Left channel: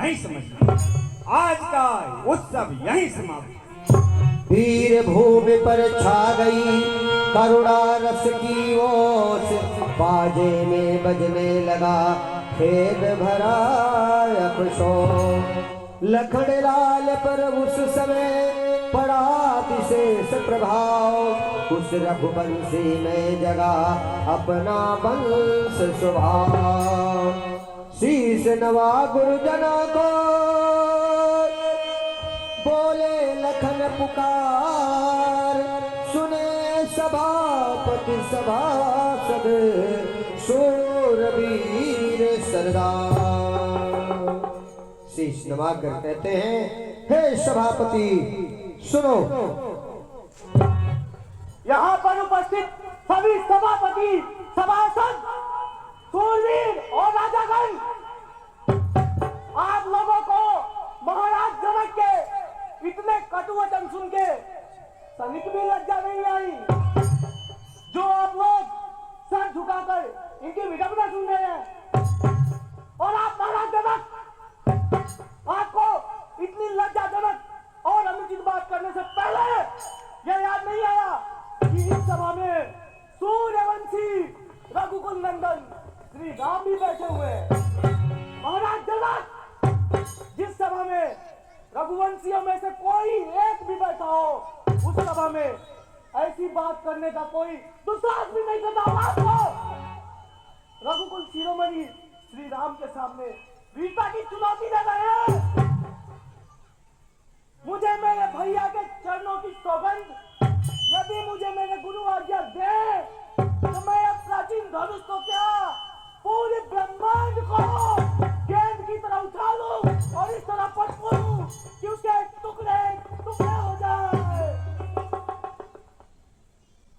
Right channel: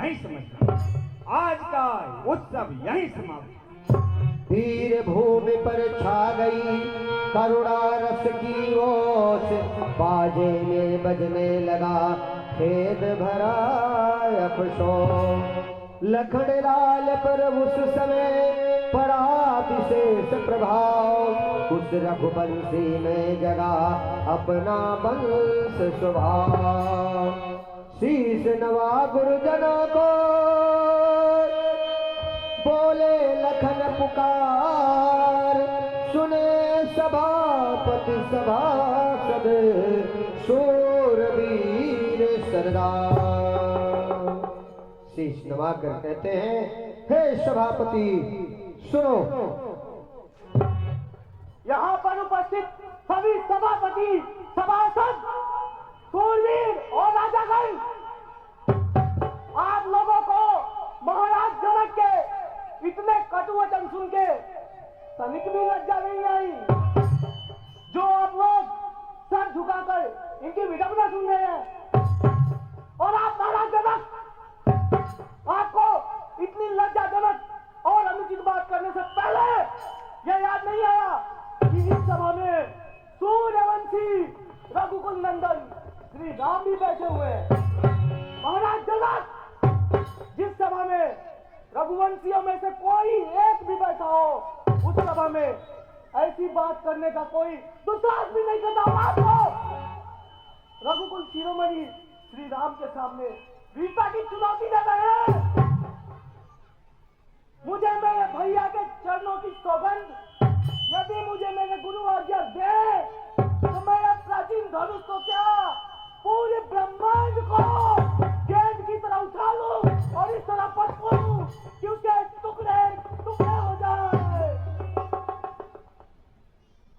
नहीं समझना। आज का उत्सव यही समाप्त। वीर भूमि पर छा गई करुणा रस की ओस, बाजे में बजने लगा खेद भरा अफसोस। लखनलाल पर उस समय पड़ा विशेष प्रभाव, उस रघुवंशी में जगा अपना वंश स्वभाव। शीश नवा गुरुजना को बोले लखन पुकार, सुने सभापति सभासद शूरवीर सरदार। शीश नवाकर कहते हैं, हे सभापति सुनो। यहाँ पर उपस्थित सभी सभापति सभासद शूरवीर और राजागण, आप लोगों को महाराज जनक के इतने कटु वचन सुन के तनिक भी लज्जा नहीं आई, जो आप लोग सर झुकाकर इनकी विडंबना सुन रहे हैं। और आप महाराज जनक, आपको इतनी लज्जाजनक और अनुचित बात करने से पहले यह याद नहीं आया कि इस सभा में सूर्यवंशी रघुकुल नंदन श्री राम भी बैठे हुए हैं। महाराज जनक, जिस सभा में रघुवंशियों में से कोई एक भी बैठा हो, उस सभा में ऐसी बात करने का कोई दुस्साहस भी नहीं करता। आपको रघुकुल शिरोमणि श्री राम के सामने वीरता की चुनौती दे रहे हैं। मुझे मेरे भैया के चरणों की सौगंध, यदि मुझे मेरे गुरु आज्ञा दे तो मैं अब प्राचीन धनुष को क्या पूरे ब्रह्मांड को गेंद की तरह उठा लूं और इस तरह पटकूं कि उसके टुकड़े टुकड़े हो जाए।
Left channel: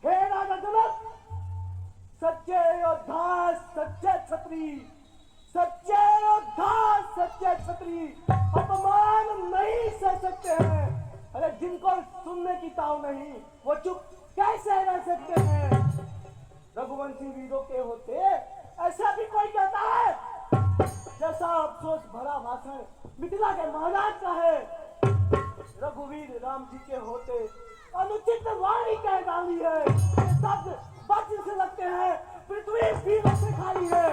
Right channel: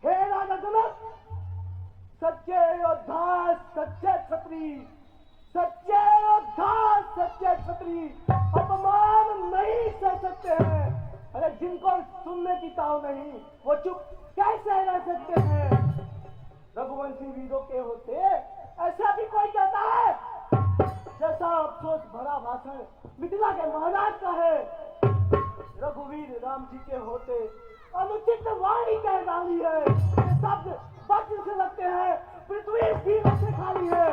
हे राजा जनक, सच्चे योद्धा सच्चे क्षत्रिय, सच्चे योद्धा सच्चे क्षत्रिय अपमान नहीं सह सकते हैं। अरे जिनको सुनने की ताव नहीं, वो चुप कैसे रह सकते हैं? रघुवंशी वीरों के होते ऐसा भी कोई कहता है? जैसा अफसोस भरा भाषण मिथिला के महाराज का है, रघुवीर राम जी के होते अनुचित वाणी कह डाली है। शब्द बच से लगते हैं, पृथ्वी दीमक से खाली है।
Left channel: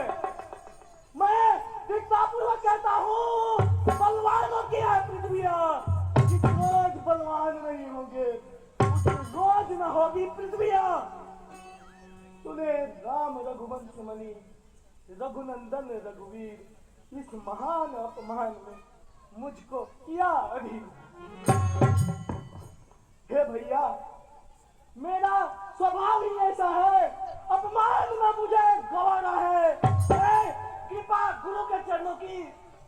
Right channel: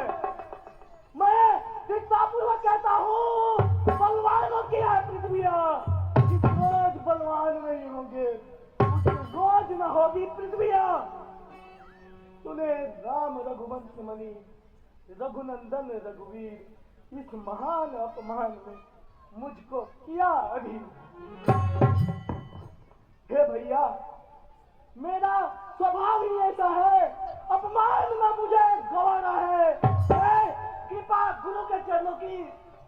मैं दीक्षापूर्वक कहता हूँ, बलवानों की है पृथ्वी, जिस रोज बलवान नहीं होंगे उस रोज न होगी पृथ्वी। तूने राम रघुवंश मणि रघुनंदन रघुवीर इस महान अपमान में मुझको किया अधीन। हे भैया, मेरा स्वभाव ही ऐसा है, अपमान में मुझे गंवाना है। कृपा गुरु के चरणों की,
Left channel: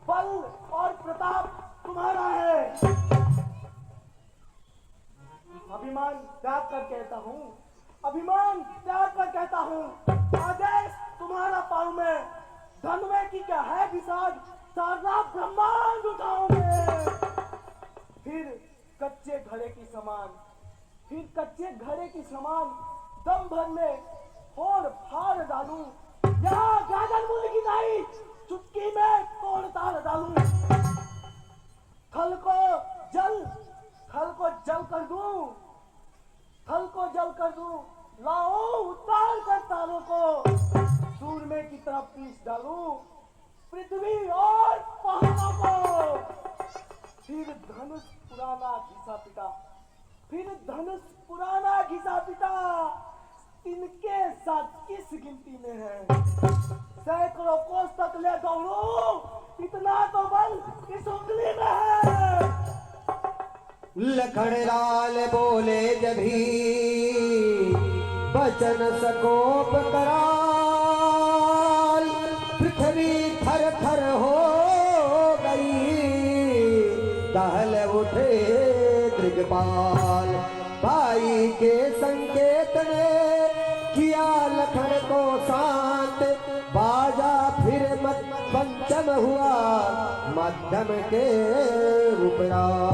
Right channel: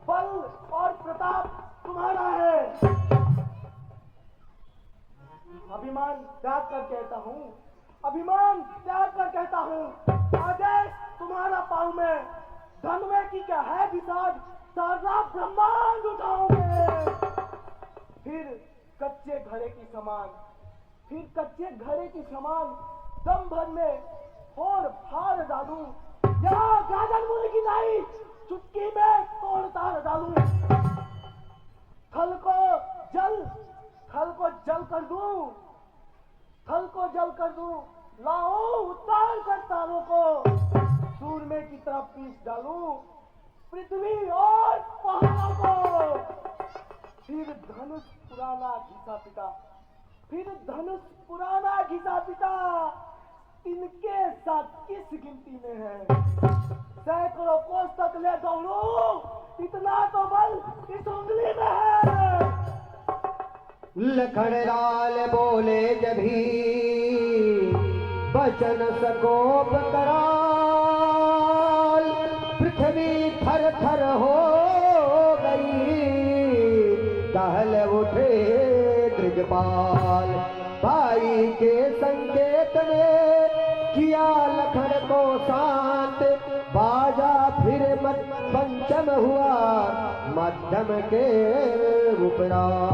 बल और प्रताप तुम्हारा है। अभिमान त्याग कर कहता हूँ, अभिमान त्याग कर कहता हूँ, आदेश तुम्हारा पाँव में, धनवे की क्या है विसाद, सारा ब्रह्मांड उठाओगे। फिर कच्चे घड़े की समान, फिर कच्चे घड़े की समान दम भरने फोड़ फाड़ डालूं, यहाँ गाजर मूली की नहीं चुटकी में तोड़ ताड़ डालूं। थल को जल कर दूं, थल को जल कर दूं, लाओ उतार कर तारों को, सूरमे की तरफ पीस डालूं पृथ्वी और पहाड़ों को। फिर धनुष पुराना घिसा पिटा, फिर धनुष पुराना घिसा पिटा, इनके साथ किस गिनती में है? सैकड़ों कोस तक ले दौड़ूं, इतना तो बल इस उंगली में है। लखनलाल बोले जभी बचन सकोप कराल, पृथ्वी थर थर हो गई, दहल उठे दिग्पाल। भाई के संकेत ने किया लखन को शांत, बाजा फिर मत पंचम हुआ मध्यम के उपरांत।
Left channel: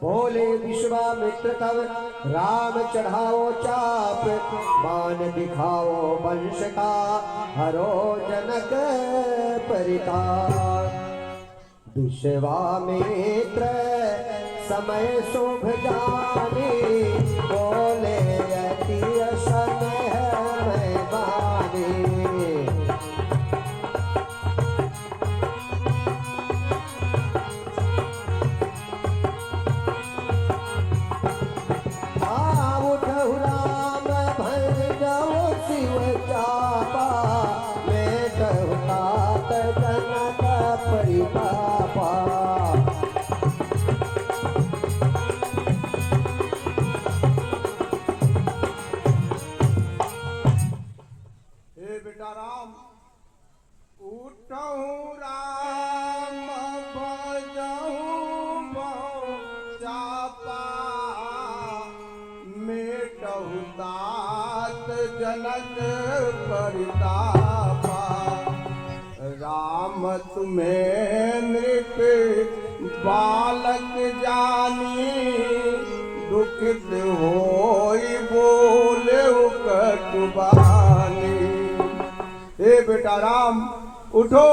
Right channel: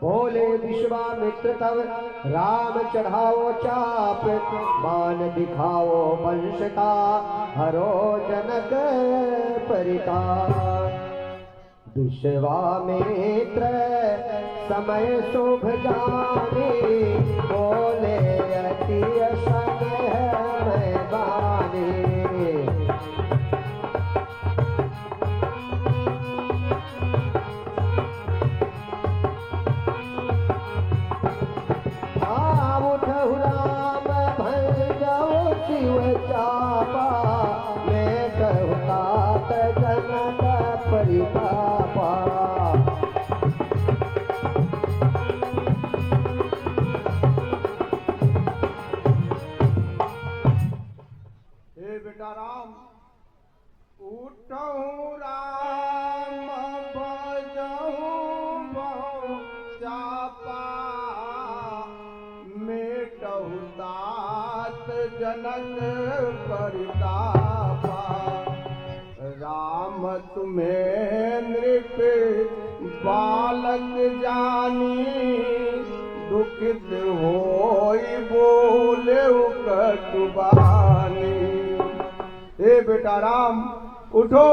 बोले विश्वामित्र तब राम चढ़ाओ चाप, मान दिखाओ वंश का हरो जनक परिताप। विश्वामित्र समय शुभ जाने, बोले अति समय है बानी। उठहु राम भज जाओ शिव चापा, मेटहु तात जनक परितापा। हे बेटा राम, उठहु राम भजहु बहु चापा, मेटहु तात जनक परितापा। राम तुम्हें नृप बालक जानी, दुखित होई बोले कटुबानी। हे बेटा राम, उठो,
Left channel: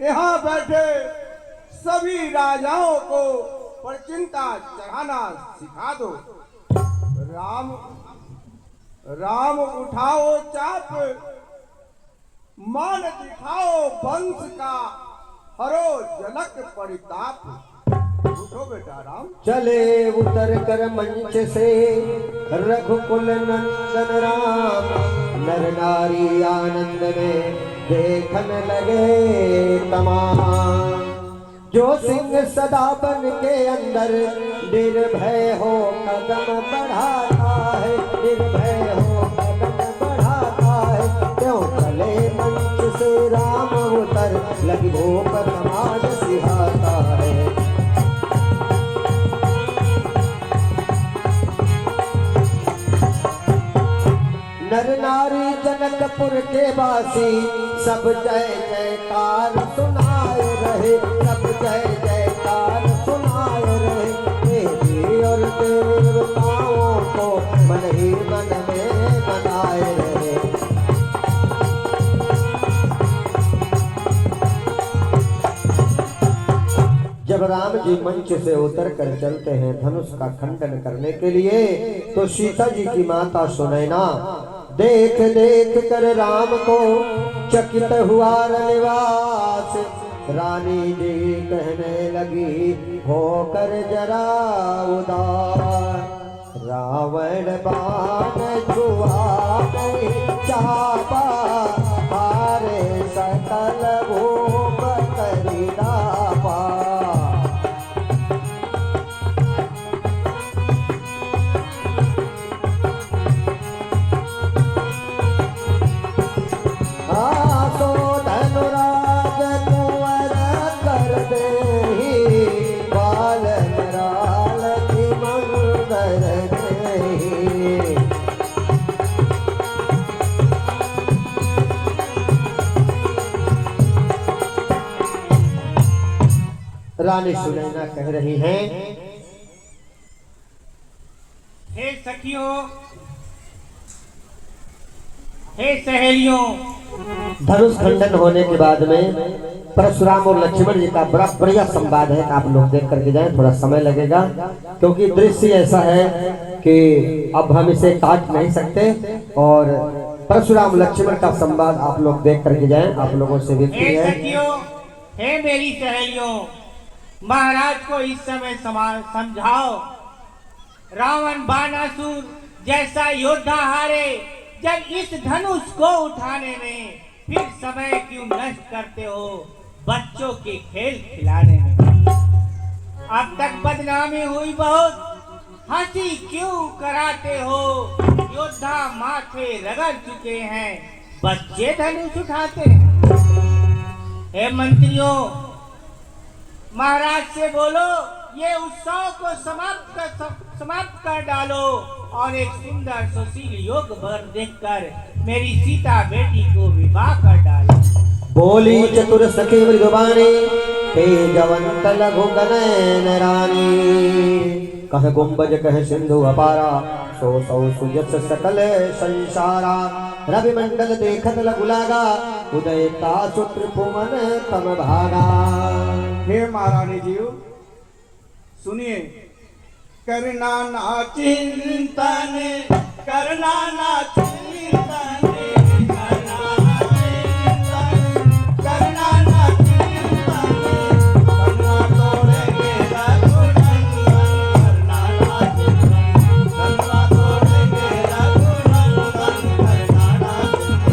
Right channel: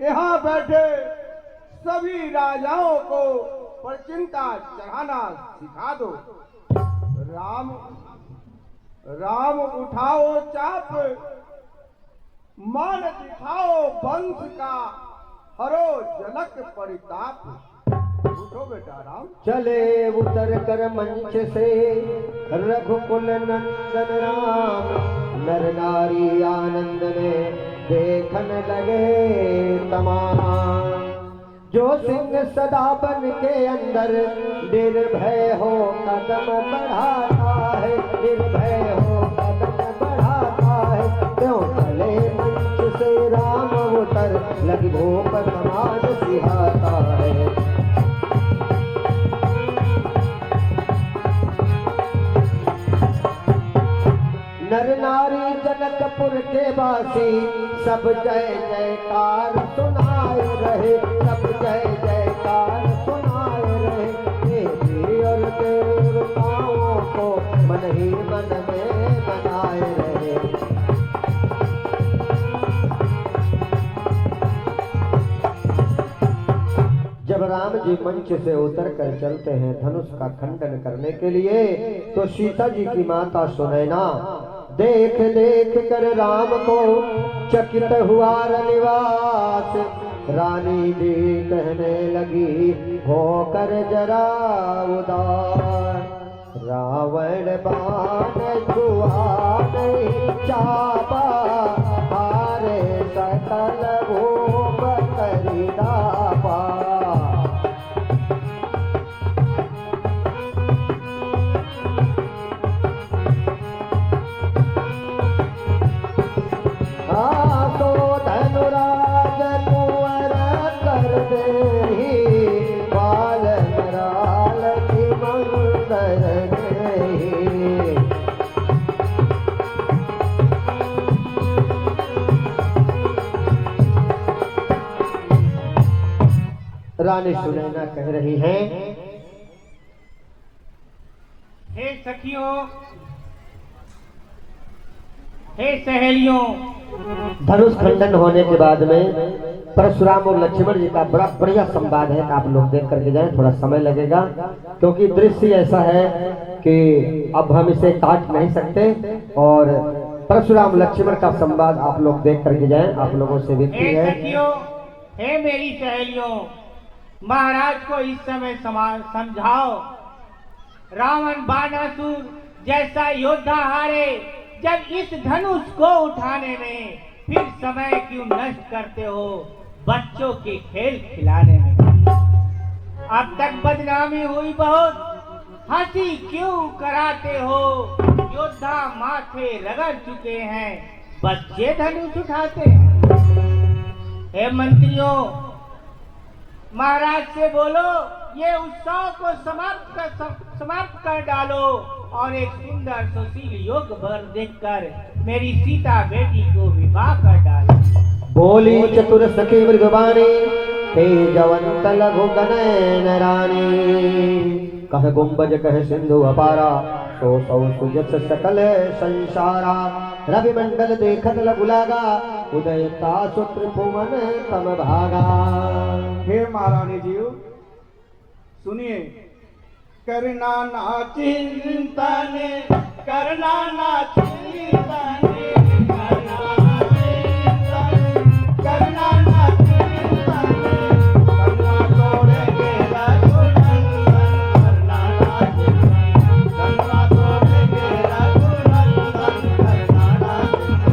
यहाँ बैठे सभी राजाओं को परचिंता चढ़ाना सिखा दो। राम राम उठाओ चाप, मान दिखाओ वंश का, हरो जनक परिताप। उठो बेटा राम। चले उतर कर मंच से रघुकुल नंदन राम, नर नारी आनंद में देखन लगे तमाम। जो सिंह सदा बन के अंदर निर्भय हो कदम बढ़ाता है, निर्भय हो कदम बढ़ाता है। क्यों चले मंच से राम उतर, लगी भूख समाज सिहाता है। नर नारी जनकपुर के वासी सब जय जयकार सुनाए रहे, सब जय जयकार सुनाए रहे। देवी और देवताओं को मन ही मन में मनाए रहे। जब राम जी मंच से उतर कर चलते हैं धनुष का खंडन करने के लिए, तो सीता जी की माता सुनैना देख देख कर राम को चकित हुआ रनिवास। रानी जी कहने लगी होकर जरा उदास, रावण बाण छुआ नहीं चापा, हारे सकल भूप करिदापा। रानी सुनैना कह रही हैं, हे सखियों, हे सहेलियों। धनुष खंडन होने के बाद में परशुराम और लक्ष्मण जी का बड़ा बढ़िया संवाद है। आप लोग देख करके जाएं, थोड़ा समय लगेगा क्योंकि दृश्य ऐसा है कि अब हम इसे काट नहीं सकते। और परशुराम लक्ष्मण का संवाद आप लोग देख करके जाएं, आप लोगों से विनती हे है। सखियों, हे मेरी सहेलियों, महाराज को इस समय समझाओ। रावण बाणासुर जैसा योद्धा हारे जब इस धनुष को उठाने में, फिर समय क्यों नष्ट करते हो बच्चों के खेल खिलाने में। अब तक बदनामी हुई बहुत, हंसी क्यों कराते हो। योद्धा माथे रगड़ चुके हैं, बच्चे धनुष उठाते हैं। हे मंत्रियों, महाराज से बोलो ये उत्सव को समाप्त कर डालो और एक सुंदर सुशील योग वर देखकर मेरी सीता बेटी को विवाह कर डालो। बोली चतुर सखी मृगवाणी, तेजवंत लघु गनयन रानी। कह गुंबज कह सिंधु अपारा, सो सौ सुजस सकल संसारा। रवि मंडल देखत लघु लागा, उदयता सुत्र पुमन तम भागा। हे रानी जी सुनिए। करना ना चिंतन, करना ना चिंतन, करना ना चिंतन, करना तोड़ेंगे रघुनंदन, करना ना चिंतन, करना तोड़ेंगे रघुनंदन, करना ना चिंतन।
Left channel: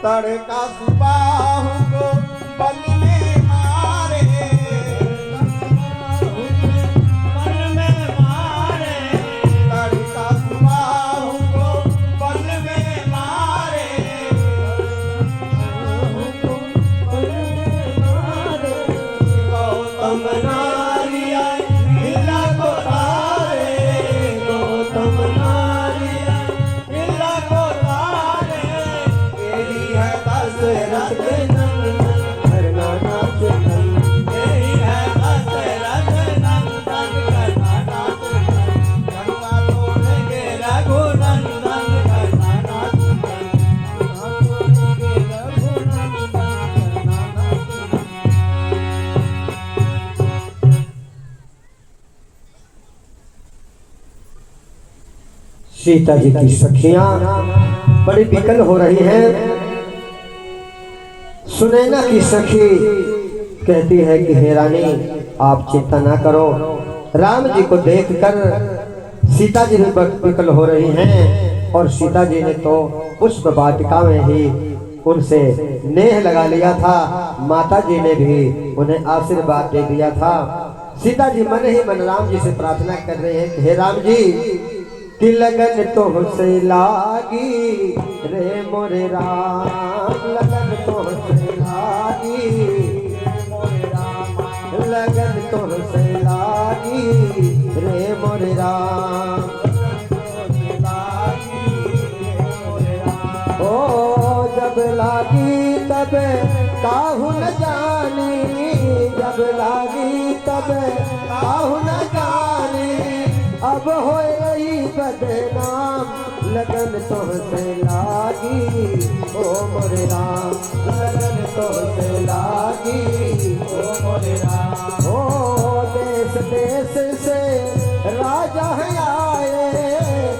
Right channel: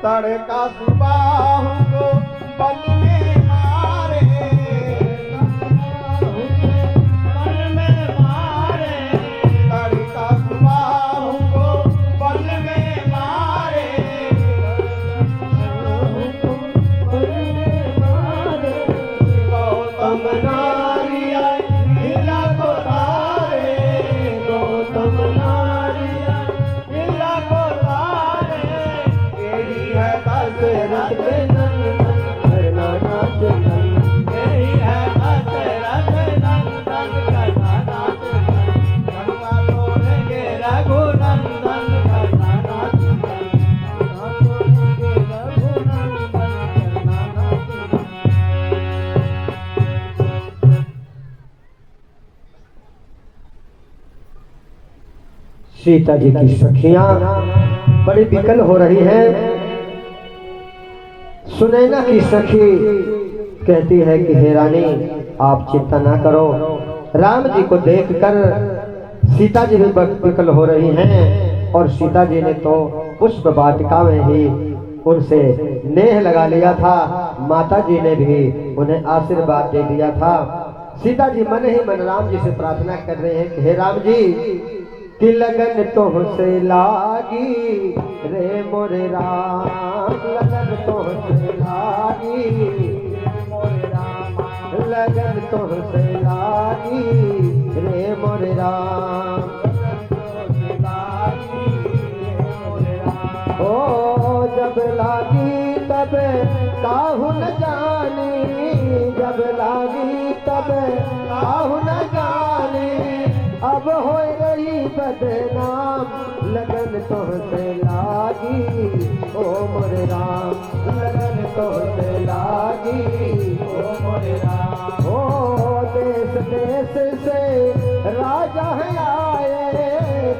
तड़का सुबाहु को बल में मारे, बल में मारे, तड़का सुबाहु को बल में मारे, गौतम नारिया हिला को तारे, गौतम नारिया हिला को तारे, यही है दशरथ नंदन, करना ना चिंतन, यही है दशरथ नंदन, करना ना चिंतन, गंगा तोड़ेंगे रघुनंदन, करना ना चिंतन, गंगा तोड़ेंगे रघुनंदन, करना ना चिंतन। सीता जी की सखियां बड़ी विकल हो रही हैं। सुनैना की सखी कहती है कि हे रानी आप चिंता ना करो। राम जी को देखकर सीता जी भी विकल हो रही हैं और सीता जी ने तो पुष्प वाटिका में ही उनसे नेह लगा लिया था। माता जी ने भी उन्हें आशीर्वाद दे दिया था। सीता जी मन ही मन राम जी से प्रार्थना कर रहे हैं कि हे राम जी कि लगन तुमसे लागी रे मोरे राम, लगन तुमसे लागी रे मोरे राम, लगन तुमसे लागी रे मोरे राम, ओ जब लागी तब काहू न जानी, जब लागी तब काहू न जानी, अब हो बदनाम लगन तुमसे लागी ओ मोरे राम, लगन तुमसे लागी ओ मोरे राम। ओ देश देश से राजा है आए,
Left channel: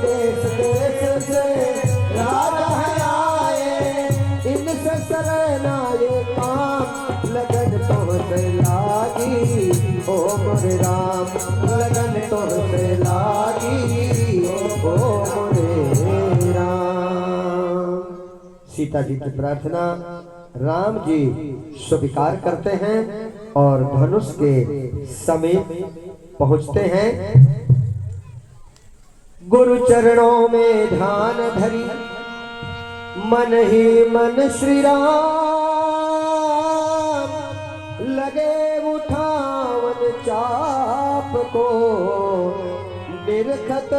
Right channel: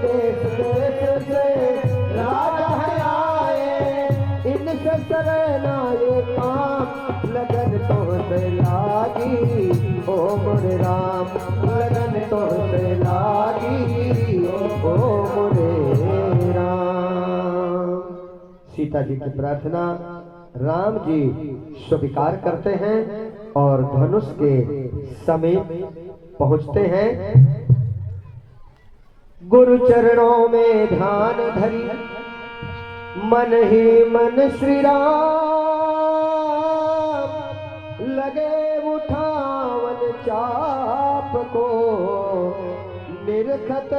देश देश से राजा है आए, इनसे सरना ये काम, लगन तुमसे लागी ओ मोरे राम, लगन तुमसे लागी ओ मोरे राम। सीता जी की प्रार्थना राम जी स्वीकार करते हैं और धनुष के समीप पहुंचते हैं। गुरु चरणों में ध्यान धरी मन ही मन श्री राम, लगे उठावन चाप को निरखत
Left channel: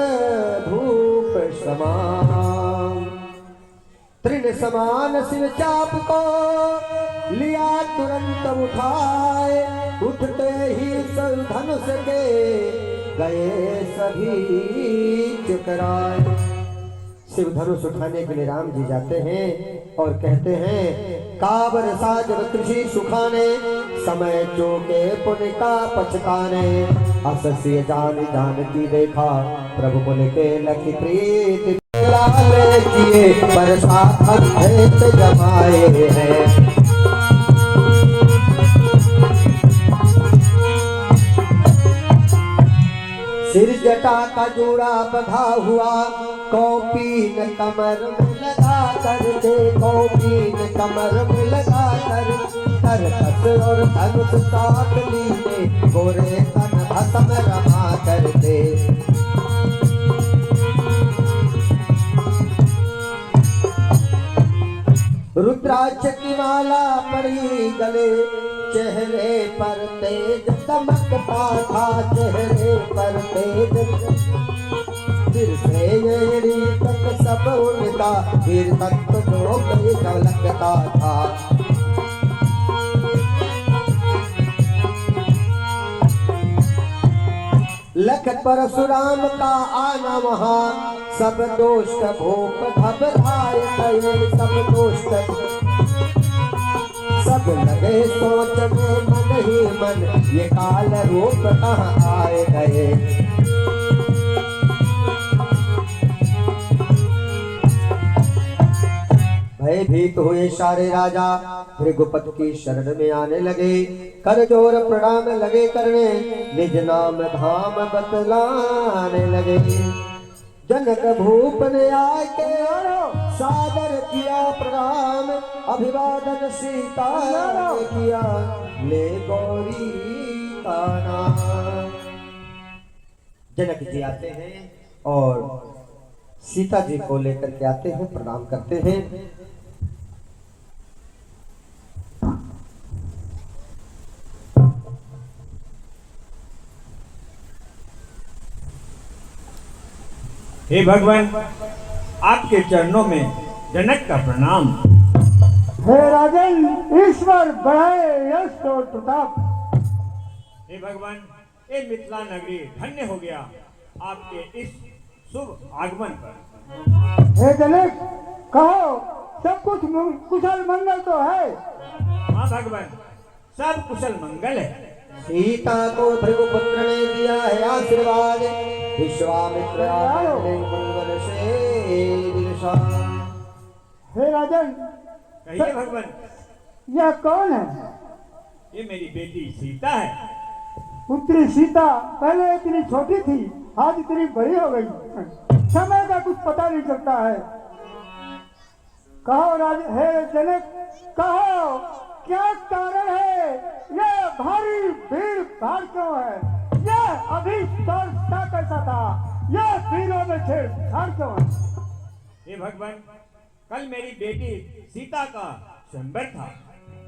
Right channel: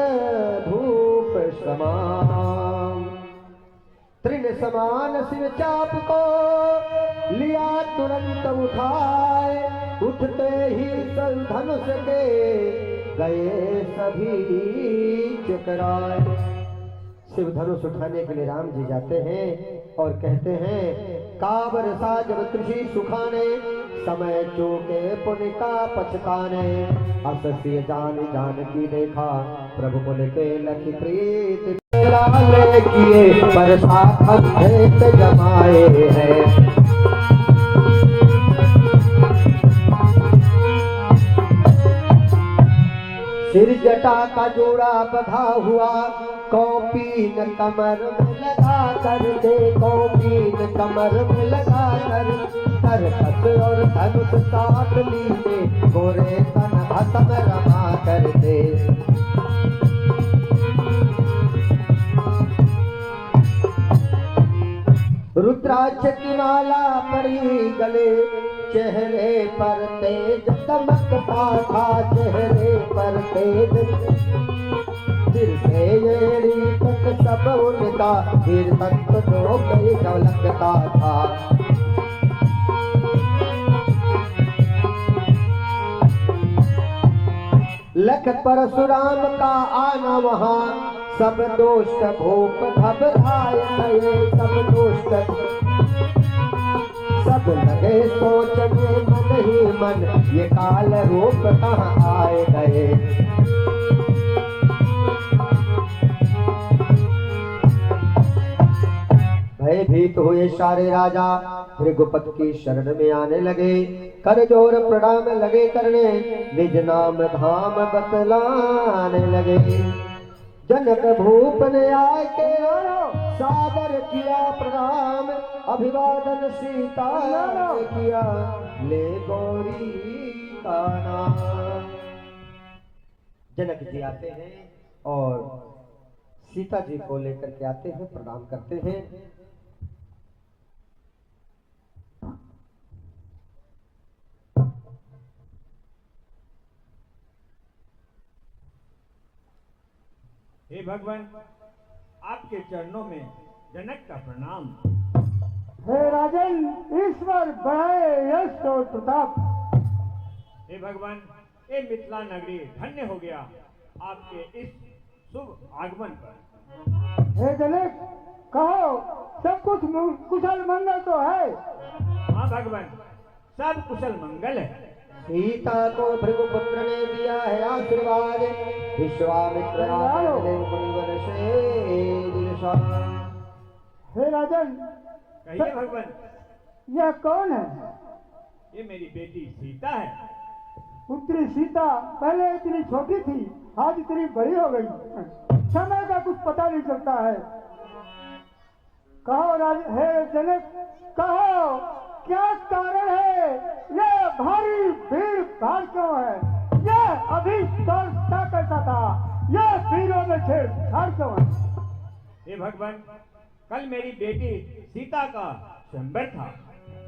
धूप समान, तृण समान शिव चाप को लिया तुरंत उठाए, उठते ही सब धनुष के गए सभी चुकराए। शिव धनुष उठाने के लिए राम जी जाते हैं और कहते हैं काबर साजब कृषि सुखाने, समय चोके पुनिका पछताने, असस्य जान जान की देखा प्रभु मुन के लखी प्रीत, लाले किए बरसा अद्भुत जमाए हैं। सिर जटा का जोड़ा बधा हुआ, कौपीन कमर में लगा कर दे, कौपीन कमर में लगा कर, तरकस और धनुष साथ लीने, गोरे तन भस्म रमा कर दे। रुद्राक्ष की माला पड़ी गले, चेहरे पर तेज चमकता था, चेहरे पर तेज, सिर से ये तो उनका वीर तख्त तो कई झलकता था। लख परशुराम का आना वहाँ, सब दोस्त भूप भव धाय गए, सब दोस्त सब लगे सोचने मन ही मन, ये काल रूप कहाँ आए गए। भयभीत हुए सारे राजा भृगुपति की शरण में आने लगे, कर जोर प्रणाम लगे करने, निज नाम धाम बतलाने लगे। जनक भूप ने आके सादर किया प्रणाम, अभिवादन सीता ने किया, ले गौरी का नाम। जनक जी आते हैं और सीता जी को लेकर के आते हैं, प्रणाम करते हैं। हे भगवान, आपके चरणों में जनक का प्रणाम। हे राजन, ईश्वर बढ़ाए यश और प्रताप। हे भगवान, ये मिथिला नगरी धन्य हो गया आपके इस शुभ आगमन पर। हे जनक, कहो सब कुछ कुशल मंगल तो है? हाँ भगवान, सब कुशल मंगल है। सीता को भृगुपुत्र ने दिया है आशीर्वाद, विश्वामित्र ने मंगल से दिलसा। हे राजन, कहिए भगवान। यह कौन है? ये मेरी बेटी सीता है। पुत्री सीता पहले इतनी छोटी थी, आज इतनी बड़ी हो गई, समय का कुछ पता नहीं चलता है। कहो राज, हे जनक, कहो क्या कारण है? यह भारी भीड़ भाड़ क्यों है? यह अभी स्पर्शता कैसा था? यह भीड़ों में छेड़छाड़ क्यों है? हे भगवान, कल मेरी बेटी सीता का स्वयंवर था।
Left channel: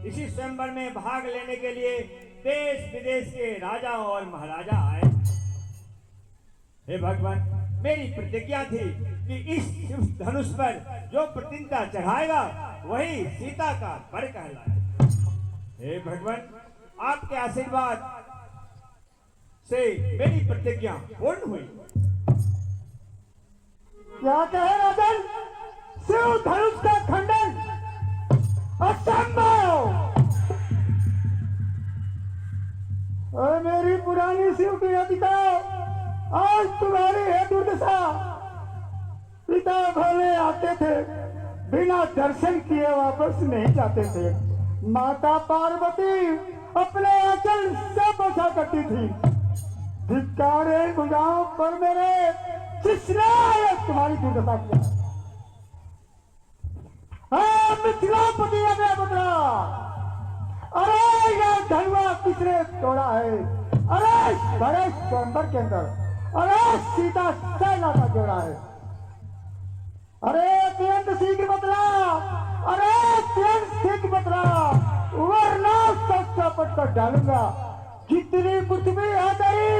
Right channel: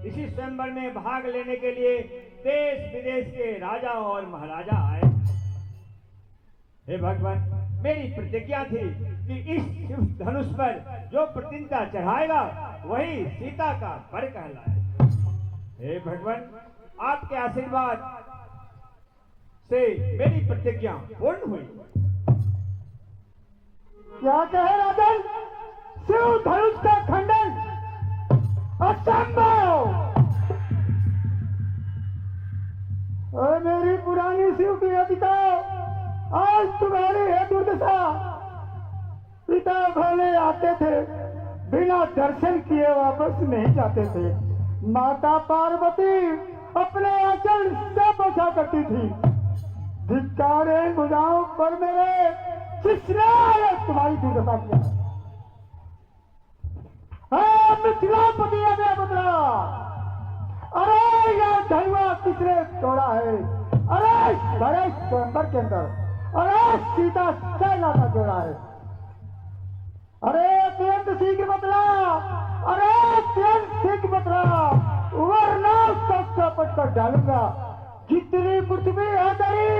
इसी स्वयंवर में भाग लेने के लिए देश विदेश के राजा और महाराजा आए। हे भगवान, मेरी प्रतिज्ञा थी कि इस शिव धनुष पर जो प्रतिज्ञा चढ़ाएगा वही सीता का वर कहलाए। हे भगवान, आपके आशीर्वाद से मेरी प्रतिज्ञा पूर्ण हुई। क्या कहे राजन? शिव धनुष का खंडन असंभव। और मेरी पुरानी शिव की अधिका आज तुम्हारी है दुर्दशा। पिता भोले आते थे, बिना दर्शन किए वापस नहीं जाते थे। माता पार्वती अपने आंचल से बचा करती थी। धिक्कारे भुजाओं पर मेरे किसने तुम्हारी दुर्दशा किया? मिथिलापति अजय पुत्रा, अरे यह धनवा किसने तोड़ा है? अरे बड़े स्वयंवर के अंदर, अरे सीता सेना का जोड़ा है। अरे तुरंत शीघ्र बतला, अरे तुरंत शीघ्र बतला, वरना सत्यापट कर डालूंगा। जितनी पृथ्वी है तेरी,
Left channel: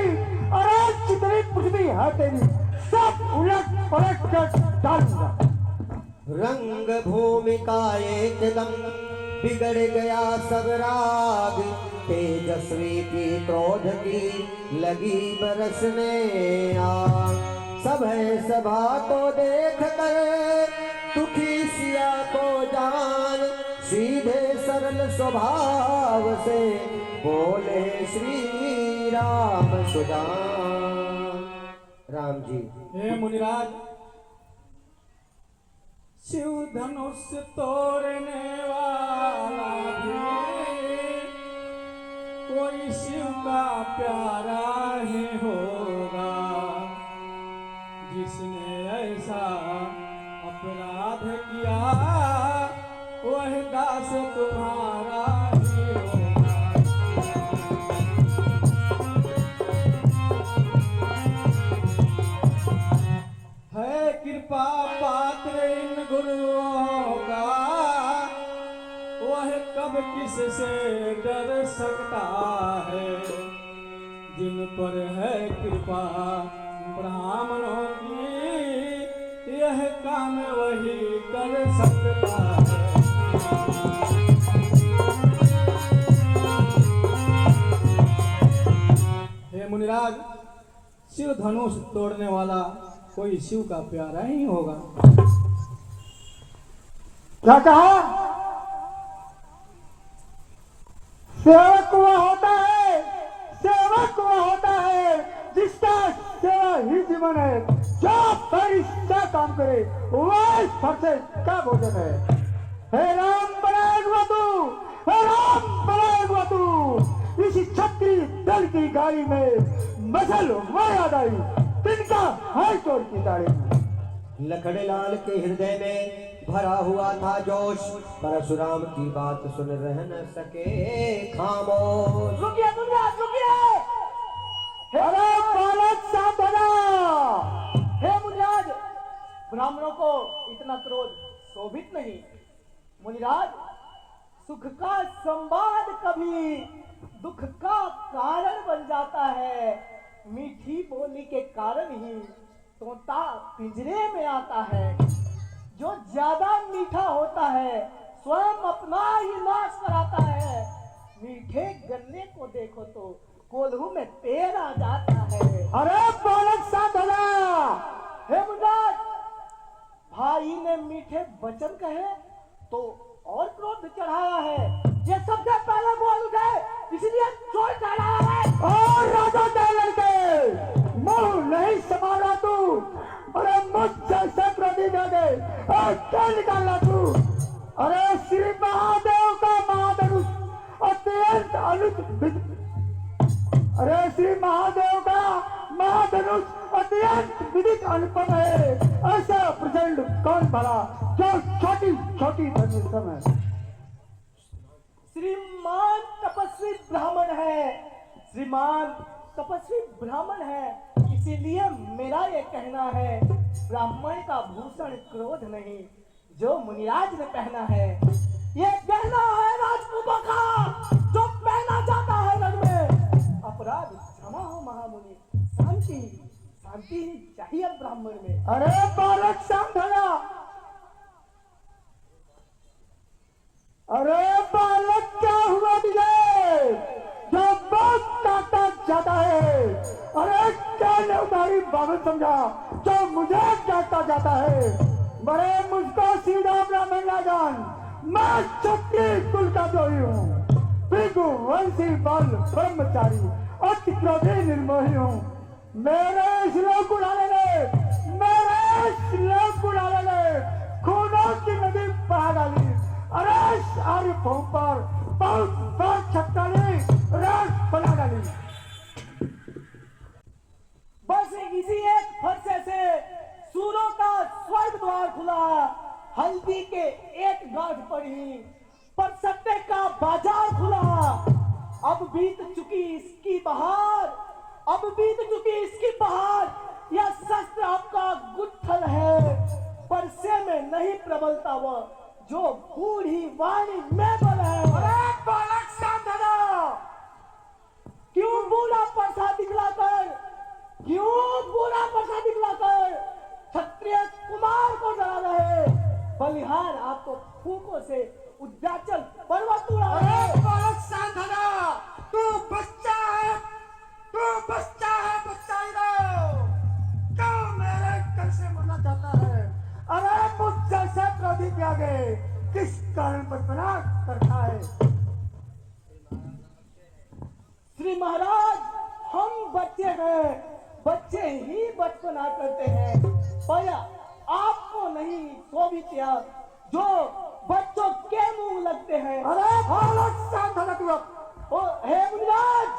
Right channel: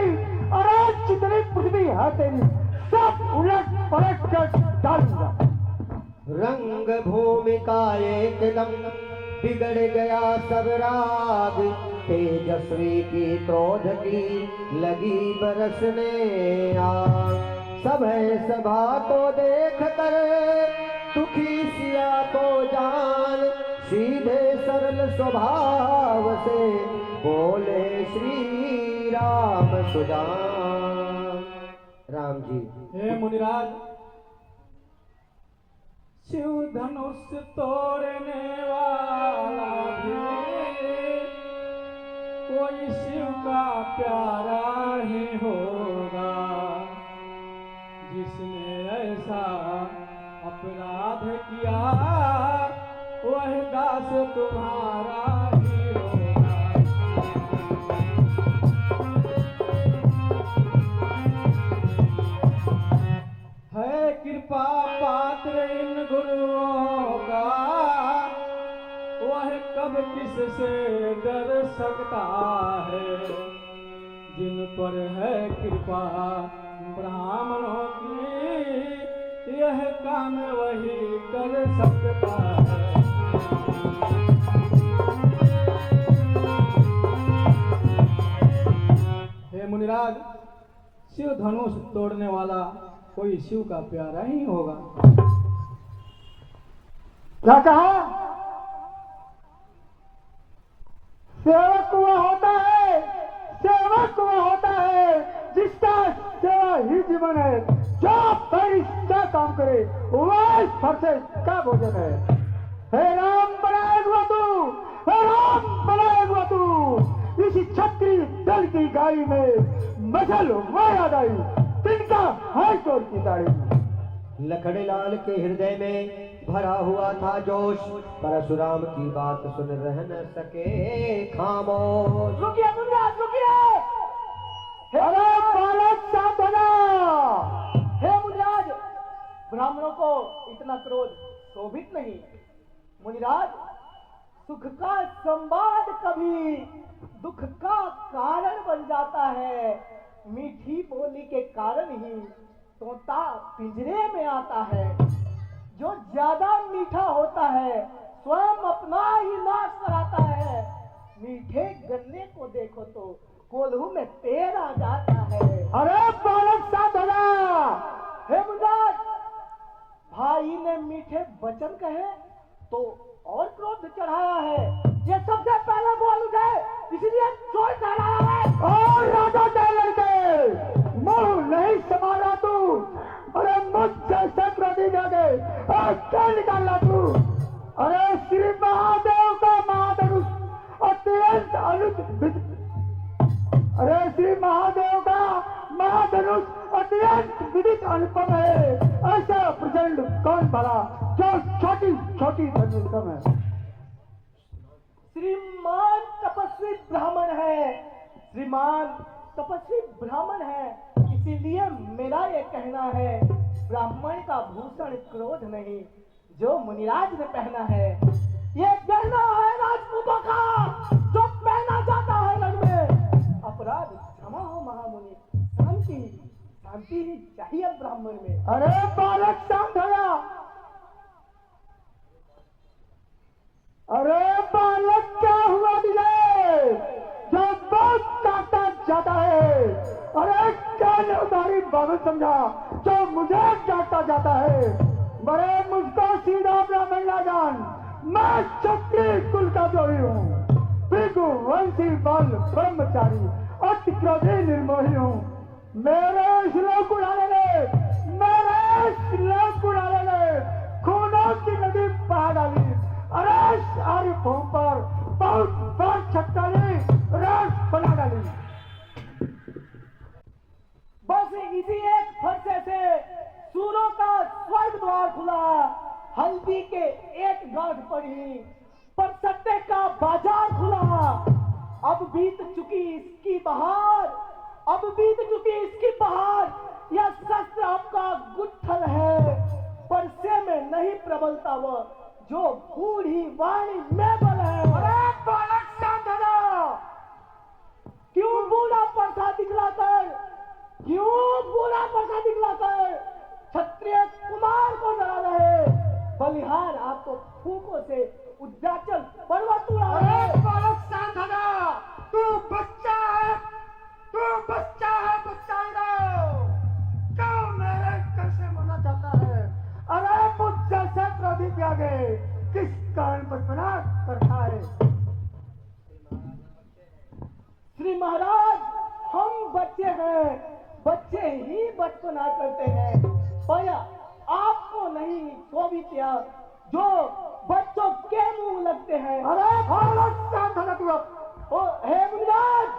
अरे जितनी पृथ्वी है तेरी, सब उलट पलट कर डालूंगा। रंग भूमि का एकदम बिगड़ गया सब राग, तेजस्वी की क्रोध की लगी बरसने आग। सभा को देख कर दुखी सिया को जान, सीधे सरल स्वभाव से बोले श्री राम सुजान। राम जी। हे मुनिराज, शिव धनुष तोड़ने वाला भी कोई शिव का प्यारा ही होगा, जिसने ऐसा अपराध किया वह दास तुम्हारा ही होगा। है कृपा पात्र इन गुरुओं का, वह कब किससे डर सकता है। जिन पर है कृपा ब्राह्मणों की, यह काम सकता है। हे मुनिराज, शिव धनुष तोड़ने वाला कोई शिव का प्यारा ही होगा। क्या कहा? सेवक वह होता है, सेवक वह होता है जिसका सेवा ही जीवन है। जो परिश्रम काम करे वह सबसे का भोजन है। हे राम बनाए तू, हे राम बनाए तू। इस छत्री दल की गाड़ी में मसल वह याद आई तिनका हाथ तोड़ की दाढ़ी। लखड़लाल के हृदय में भरा हुआ था जोश, परशुराम की बात सुन रह न सके खामोश। रुकिए मुनिराज, रुकिए। अरे बालक सावधाना। हे मुनिराज, ब्राह्मणों को इतना क्रोध शोभित नहीं। मुनिराज, सुख का संवाद कभी दुख का कारण बन जाता है। मीठी बोली के कारण ही तोता पिंजरे में आता है। जो ज्यादा मीठा होता है स्वयं अपना ही नाश कराता है। मीठे गन्ने को देखो तो कोल्हू में पेड़ आ जाता है। अरे बालक सावधाना। हे मुनिराज, भाई ने मीठे वचन कहे तो और क्रोध चढ़ाया है। ये सबसे पहले बोल गए इसलिए चोट चढ़ाया है। और राजा टेलर के मुंह नहीं संभाला तू। अरे मुझसे संक्रांति दे दे और क्या निकाला तू। अरे श्री महादेव का महाधनुष अत्यंत अरे श्री महादेव का महाधनुष अत्यंत विदित अनुपम है। ऐसा प्रचंड कौन भला जो छोटी छोटी धनुषम है। श्रीमान तपस्वी ब्राह्मण है, श्रीमान तपस्वी ब्राह्मण है। इसीलिए मेरा ये कहना है, ब्राह्मण का भूषण क्रोध नहीं जो मुनिराज ने पहना है। ये गहना है राजपूतों का जो पहना जाता है रण में। अपराध क्षमा हो महामुनि, शांति शांति ही चाहिए ब्राह्मण में। अरे बालक सावधाना। अरे बालक क्या हुआ तुझे जो बहुत काटा जाता है। अरे क्या ने उधारी बाबू समझा जो मुझे डांटा जाता है। बड़े मुझको सीधा ब्राह्मण ना जान, मैं क्षत्रिय कुल का द्रोही हूँ। पितु वंशी बल ब्रह्मचारी अति क्रोधी निर्मोही हूँ। मेरे श्लोक उड़ाने ले, मेरे श्लोक उड़ाने ले खूनों की नदी बहा डाली। अरे सारी भूमि पर बहुत बहुत छटकाली रात बना डाली। बस इसी एक फरसे से सूरों का स्वर्ग द्वार खुला। हल्दी के एक गांठ पर ही पर सट्टे का बाजार खुला। अब बीत चुकी इसकी बहार, अब बीत चुकी इसकी बहार। यह शस्त्र आपका गुत्थल है, परसे में नहीं प्रबलता वह जो बूढ़ी वाणी में बल है। अरे बालक सावधाना। क्यों बूढ़ा परसा दिखलाकर, क्यों बूढ़ा परसा दिखलाकर क्षत्रिय कुमार को डरा रहे। बलिहार आपको फूकों से उद्याचल पर्वत उड़ा। अरे बालक सावधाना। तू बच्चा है, तू बच्चा है, बच्चा ही रहो। क्यों मेरे कैसे मना जाता है। अरे मुझसे क्रोधी के आगे किस कारण पर प्रणाम करता है। श्री महाराज, हम बच्चे हैं, बच्चे ही बचपना करते हैं। पर आपको नहीं शोभित जो बच्चों के मुंह लगते हैं। अरे बालक सावधान तू। हे मुनिराज,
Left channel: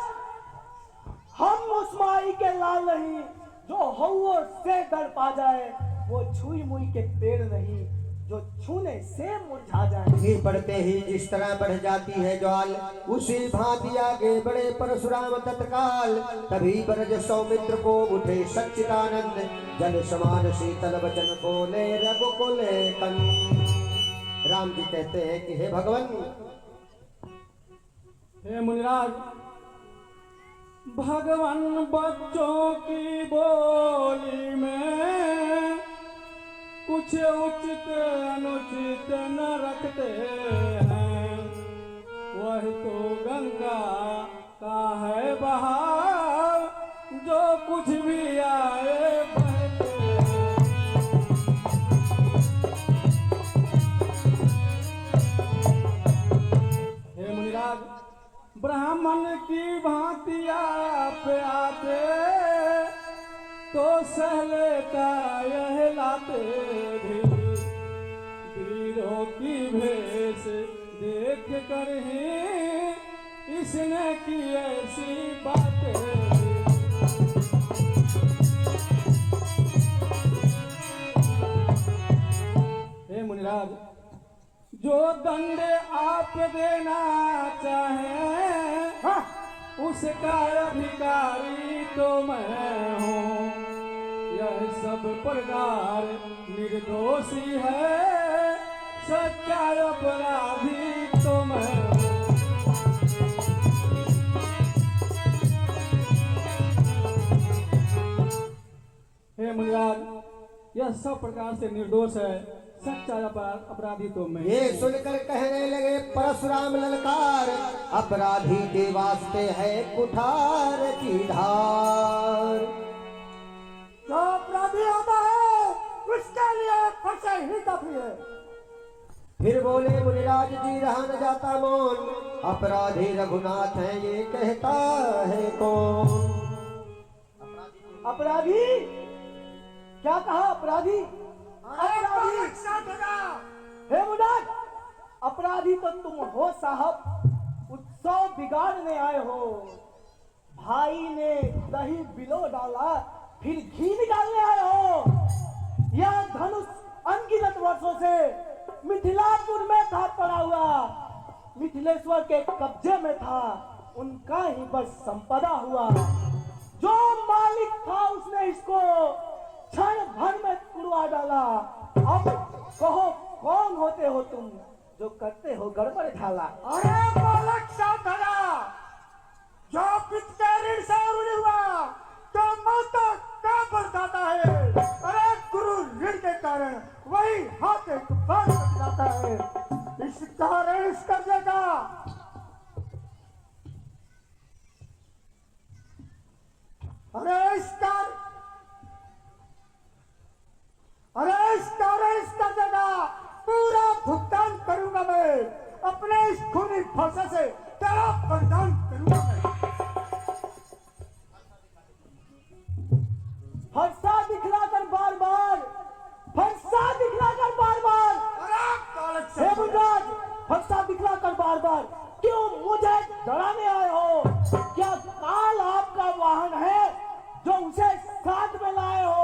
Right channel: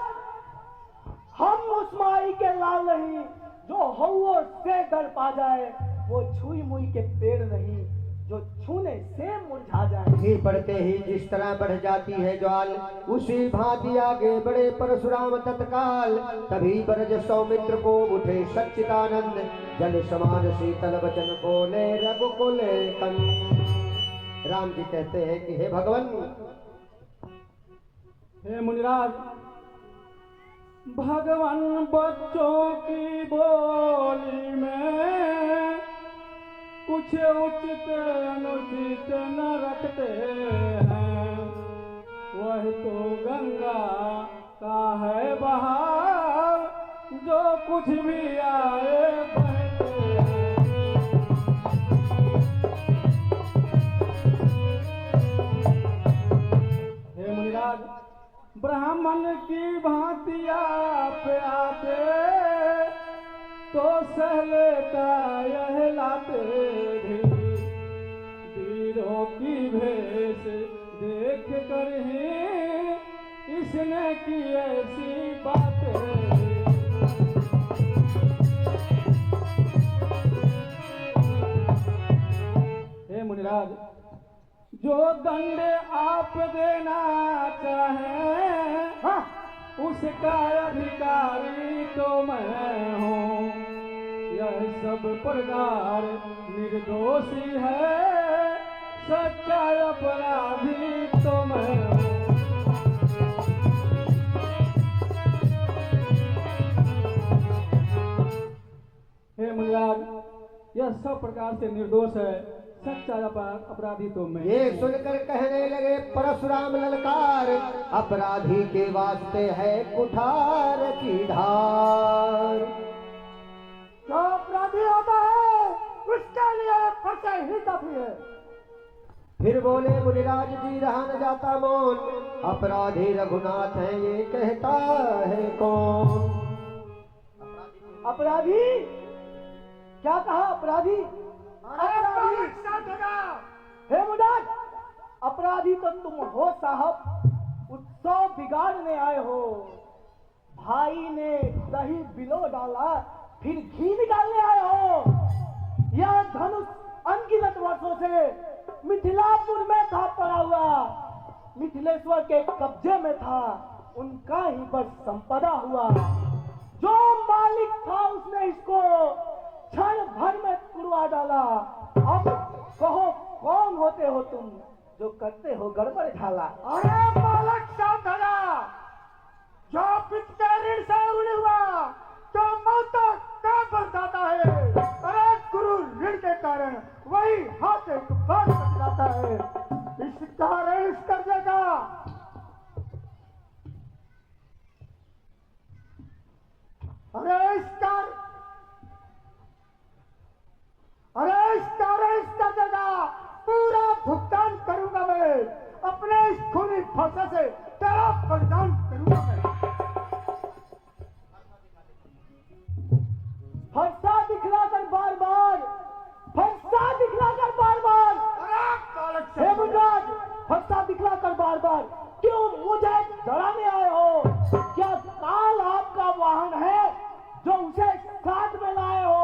हम उस माई के लाल नहीं जो हौओं से डर पा जाए। वो छुई मुई के पेड़ नहीं जो छूने से मुरझा जाए। घी पड़ते ही जिस तरह बढ़ जाती है ज्वाल, उसी भांति आगे बढ़े परशुराम तत्काल। तभी ब्रज सौमित्र को उठे सच्चिदानंद, जल समान शीतल वचन बोले रघुकुल कंद। राम जी कहते हैं कि हे भगवान, हे मुनिराज, भगवान बच्चों की बोली में कुछ उचित उचित न रखते हैं, वह तो गंगा का है बहार, जो कुछ भी आए बहते हैं। हे मुनिराज, ब्राह्मण की भांति आप आते तो सहले का यह लाते भी, वीरों की भेष देख कर ही इसने की ऐसी बातें। हे मुनिराज, जो दंड आप देना चाहें, उसका अधिकारी तो मैं हूँ। यह सब प्रकार निर्दोषी है, सच्चा अपराधी तो मैं हूँ। हे मुनिराज, यह सब प्रकार से निर्दोष है, सच्चा अपराधी तो मैं। ये सुनकर कहने लगे परशुराम ललकार, अपराधी के वास्ते है कुठार की धार। जो अपराधी होता है उसके लिए फंसे ही काफी है। फिर बोले मुनिराज जी रहा न जाता मौन, अपराधी रघुनाथ है ये कहता है कौन। अपराधी क्या कहा? अपराधी अपराधी हे मुनिराज, अपराधी तो तुम हो साहब। उत्सव बिगाड़ने आए हो। भाई ने दही बिलो डाला, फिर घी निकालने आए हो। यह धनुष अनगिनत वर्षों से मिथिलापुर में था पड़ा हुआ, मिथिलेश्वर के कब्जे में था, उनका ही बस संपदा हुआ। जो मालिक था उसने इसको क्षण भर में तुड़वा डाला। अब कहो कौन होते हो तुम जो करते हो गड़बड़ ढाला। अरे बालक साधरा, जो पिता के ऋण से ऋणी हुआ तो मौत का बरसाता है। अरे गुरु ऋण के कारण वही हाथ तूफान बच जाता है। इस कारण इस कर्जे का इस कर्जे का पूरा भुगतान करूंगा मैं। अपने इस खूनी फरसा से तेरा बलिदान करूंगा मैं। फरसा दिखलाकर बार बार, फरसा दिखलाकर बार बार, अरे बालक हे साधरा, मुनिराज, फरसा दिखलाकर बार बार क्यों मुझे डराने आए हो? क्या काल आपका वाहन है जो उसे साथ में लाए हो?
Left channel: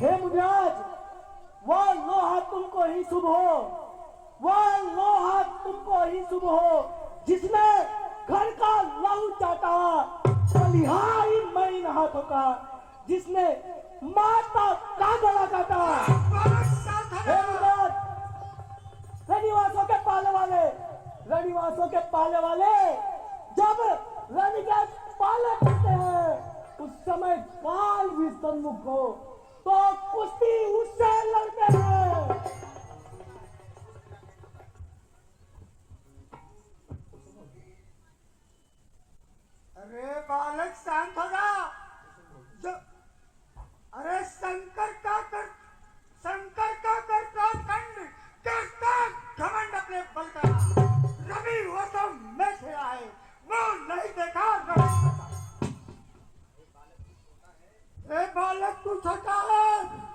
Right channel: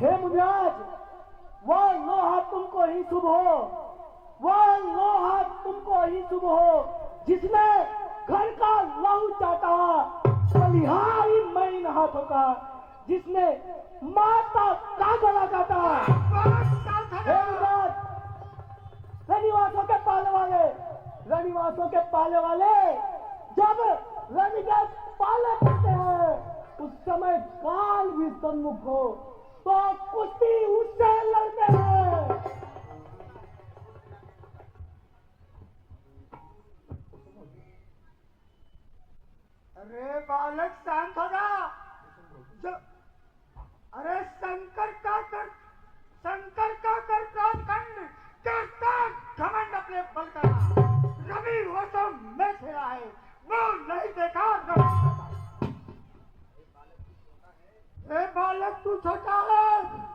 हे मुनिराज, वह लोहा तुमको ही शुभ हो, वह लोहा तुमको ही शुभ हो जिसने घर का लहू चाटा, बलिहारी मणि हाथों का, जिसने माता का गला काटा। हे मुनिराज, रनिवासों के पाले वाले, रनिवासों के पाले वाले जब रन के पाले करते हैं उस समय काल भी सम्मुख हो तो कुश्ती उससे लड़ते हैं। अरे बालक शांत हो जा। अरे शंकर का करता खंड करता घमंड अपने बल का। रवि वो तो मैं खेला है, वो नहीं देखा नहीं। ए बालक तू छोटा है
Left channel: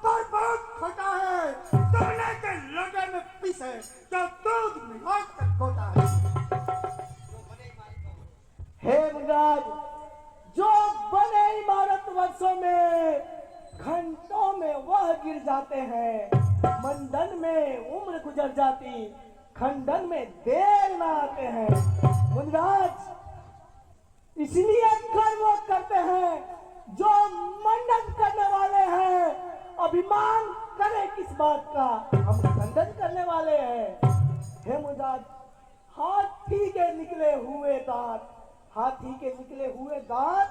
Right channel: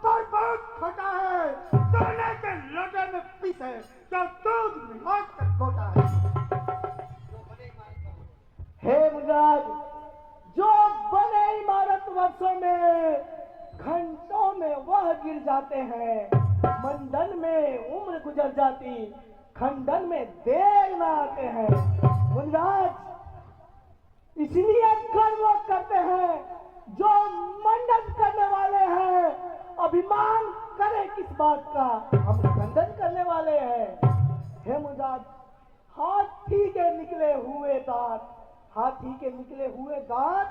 पर बहुत छोटा है। सोने के लोटे में पीस है जो दूध मिला कर खोता है। हे मुनिराज, जो बने इमारत वर्षों में घंटों में वह गिर जाते हैं। मंडन में उम्र गुजर जाती, खंडन में देर न आते हैं। मुनिराज, इसलिए गर्व करते हैं जो मंडन करने वाले हैं। अभिमान करे किस बात का, हम खंडन करने वाले हैं। हे मुनिराज, हाथी के निकले हुए दांत, हाथी के निकले हुए दांत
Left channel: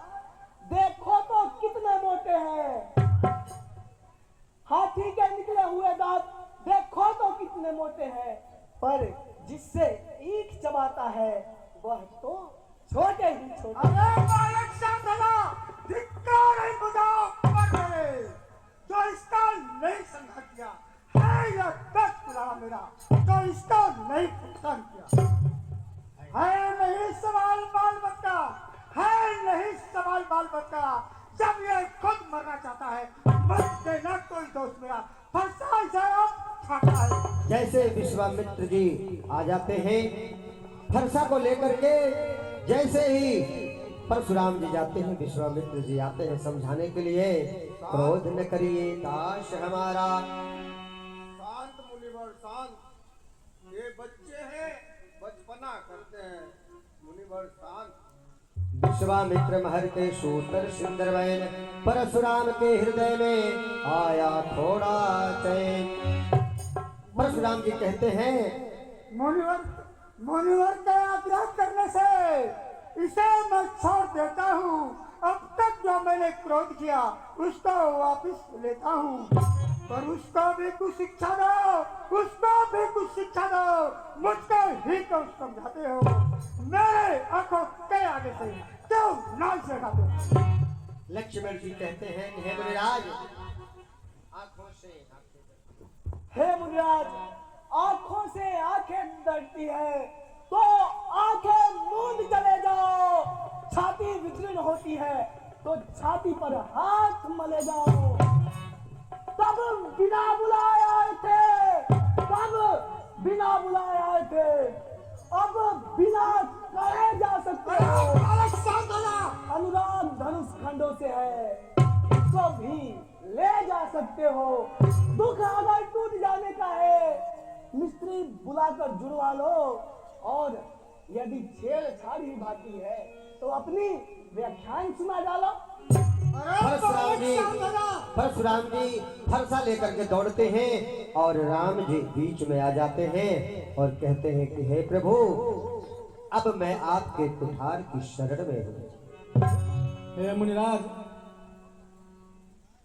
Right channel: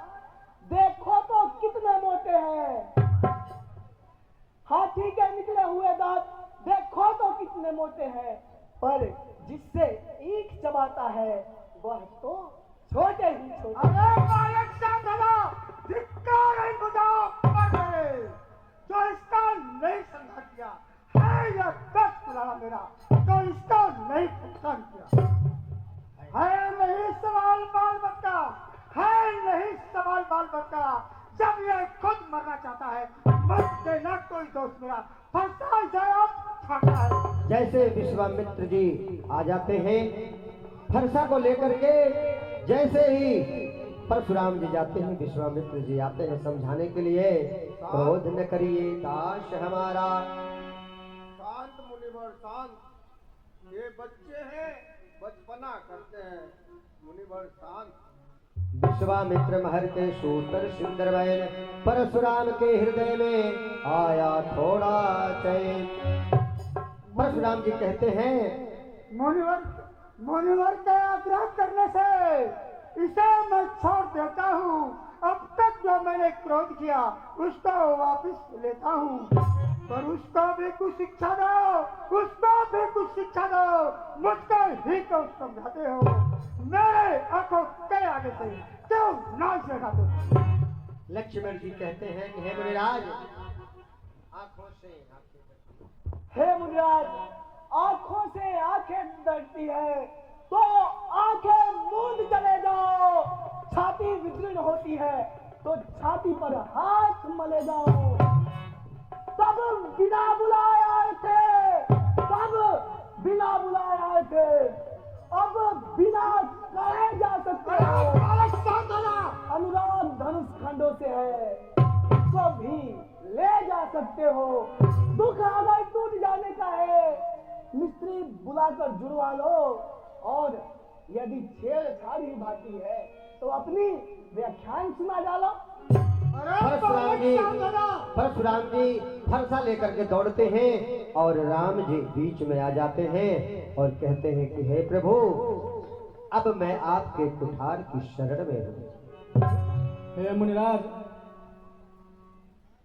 देखो तो कितने मोटे हैं। हाथी के निकले हुए दांत देखो तो कितने इतने मोटे हैं, पर जिससे ईख चबाता है वह तो छोटे ही छोटे। अरे बालक साधना, धिक्कार है खुदा पर जो इसका नहीं समझा किया है, यह दस पुराना मेरा जो इसका नहीं पहचान किया है। नहीं सवाल बाल बच्चा है, नहीं सवाल बाल बच्चा। जब यह खुद मरना चाहता है, मर देना कोई दोस्त मेरा फंसा खाता है। जैसे विश्वामित्र जी आ जाते हैं फरसा को लेकर के, जैसे ही परशुराम जी जाते हैं विश्वामित्र जी आते हैं समझाने के लिए, क्रोध न करिए दास हमारा। शांत मुनिवर शांत, ये बच्चे हैं, बचपना करते हैं। मुनिवर शांत। विश्वामित्र महर के सूतर सुंदरवैन, परशुराम के हृदय में आया थोड़ा चैन। परशुराम जी कहते हैं मुनिवर के आग्रह करने से इसे मैं छोड़ देता हूँ। अब तक जो मैंने क्रोध किया उसको वापस लेता हूँ, पर उसको भी कुछ शिक्षा दो, उसको भी कुछ शिक्षा दो। मुझको ही तो समझाते हो, मेरे आंखों के आगे से क्यों नाम से हटाते हो? लक्ष्मण जी कहते हैं कि हे मुनिराज, आंखों से हे मुनिराज, आंखों से आंखें डरती है तो आंखें मूंद चले जाओ। छाती विदीर्ण होती है तो छाती पर हाथ मले जाओ। तब बिना बुलाए आए थे, तब बिना बुलाए आए थे, अब बिना कहे जा सकते हो। अनुराग धनुष खंडों से है, तो भी ले जा सकते हो। दुख अगर टूट जाने का है, मिस्त्री बुलाकर जुड़वा लो, और यदि छेड़छाड़ी बाकी है तो अपनी व्याख्यान सुना डालो। परशुराम जी फरसा लेकर के दौड़ते हैं और राम जी बीच में आ जाते हैं और कहते हैं कि हे प्रभु, अब मैं आपके कुठार की शरण में हूँ। हे मुनिराज,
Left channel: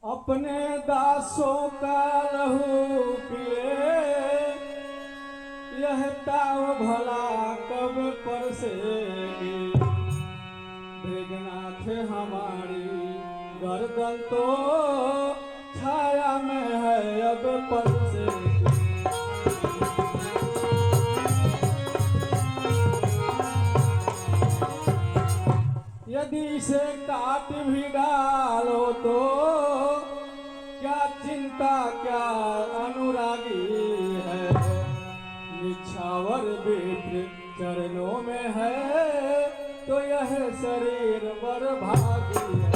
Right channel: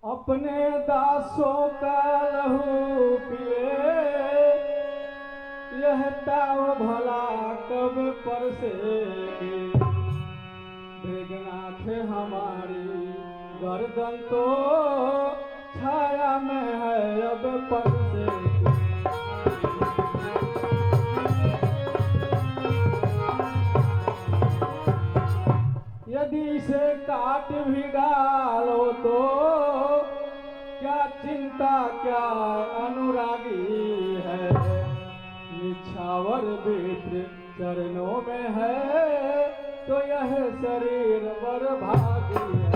अपने दासों का लहू पिए, यह ताव भला कब परसेगी। मृगनाथ हमारी गर्दन तो छाया में है अब परसेगी। यदि इसे काट भी डालो तो क्या चिंता, क्या अनुरागी है। निछावर विप्र चरणों में है तो यह शरीर बरभागी है।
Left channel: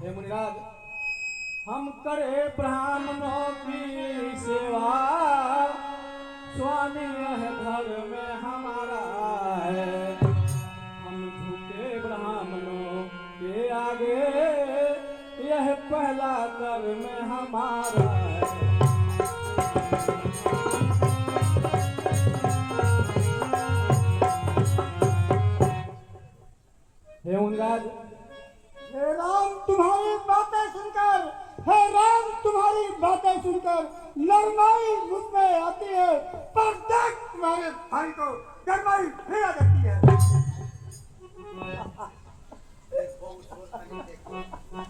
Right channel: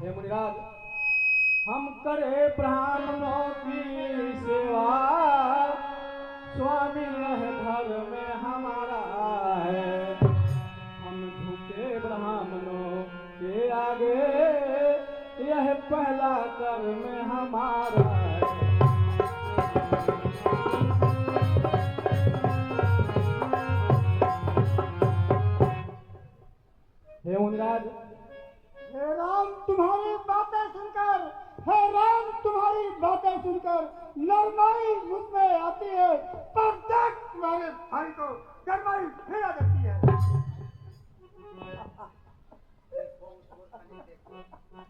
हे मुनिराज, हम करे ब्राह्मणों की सेवा, स्वामी यह धर्म हमारा है। हम झुके ब्राह्मणों के आगे, यह पहला कर्म हमारा है। हे मुनिराज, हे राम, तुम्हारी बातें सुनकर, हे राम, तुम्हारी बातें सुनकर नरमाई मुझ में आती है, पर देख तुम्हारे भाई को गरमाई फिर आ जाती है।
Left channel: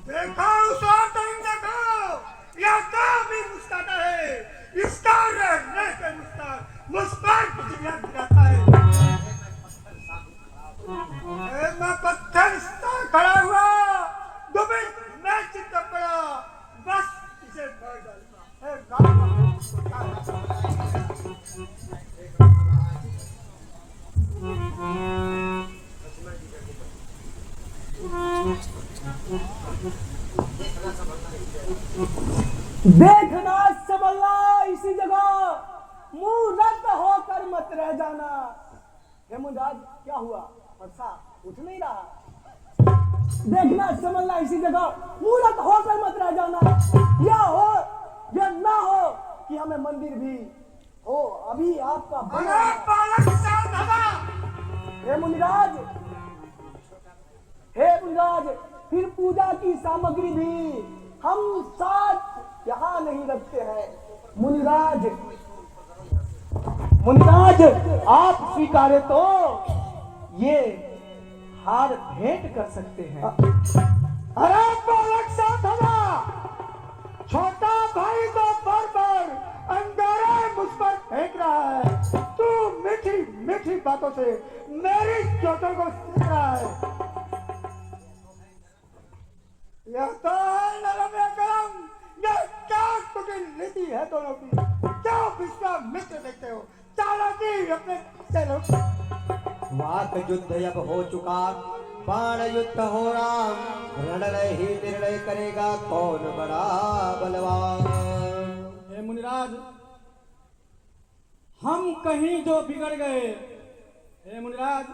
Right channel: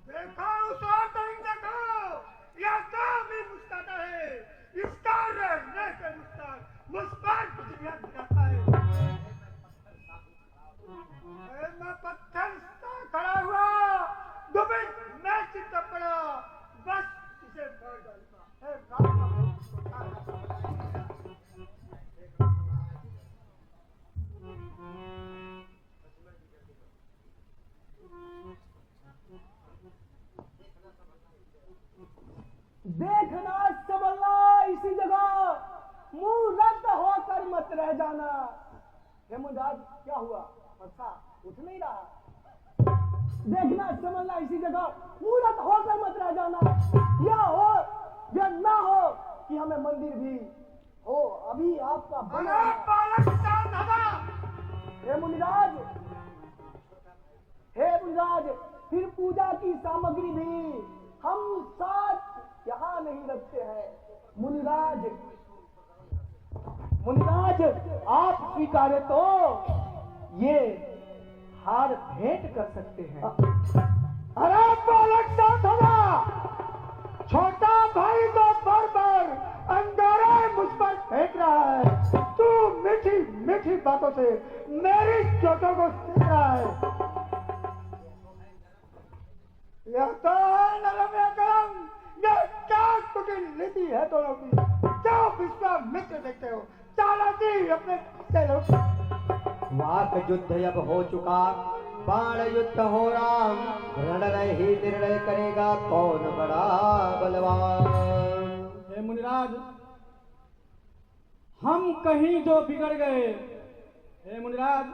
देखो उस औरत को, यह तो भी मुस्कुराता है, इसका रहने के मुस्कान दिखाता है। मैं पत्थर से खड़ा हुआ, दुबई मैं चिंता पड़ा, बस इसे मार डालूंगा। देखना संभलना इसी जगह, मुंह रद्द होकर मत रह जाना। हे मुनिराज, क्या हुआ? फरसा उठ नहीं रहा। देखना संभलना इसी जगह, मुंह रद्द होकर मत रह जाना। या हो या ना हो कि हमें मंदिर भी हो, अभी आपका बना है। हे मुनिराज, हे मुनिराज, फिर पूजा की सामग्री भी हम साथ यहाँ नहीं रखते हैं। मुनिराज, मुनिराज आप स्वीकारे तो ये हार भेंट कर सकते हैं। अरे बालक साथ होगा, छोटा भाई तो बार बार अंगारे मुझ पर फेंक रहा है। तू मीठी मीठी बातों से मेरी चोटों को सीख रहा है। यह तो नरम या गरम, यह क्या कुटिल नीति है दोनों की। क्या विश्वामित्र देखते हो, चालाकी अपने से लो। वाक युद्ध अब हो चुका, बाण युद्ध हो राम, रणरय ही निर्णय करेगा कौन बड़ा बलवान। हे मुनिराज, हम कहीं जो बिगड़ गए, हे मुनिराज,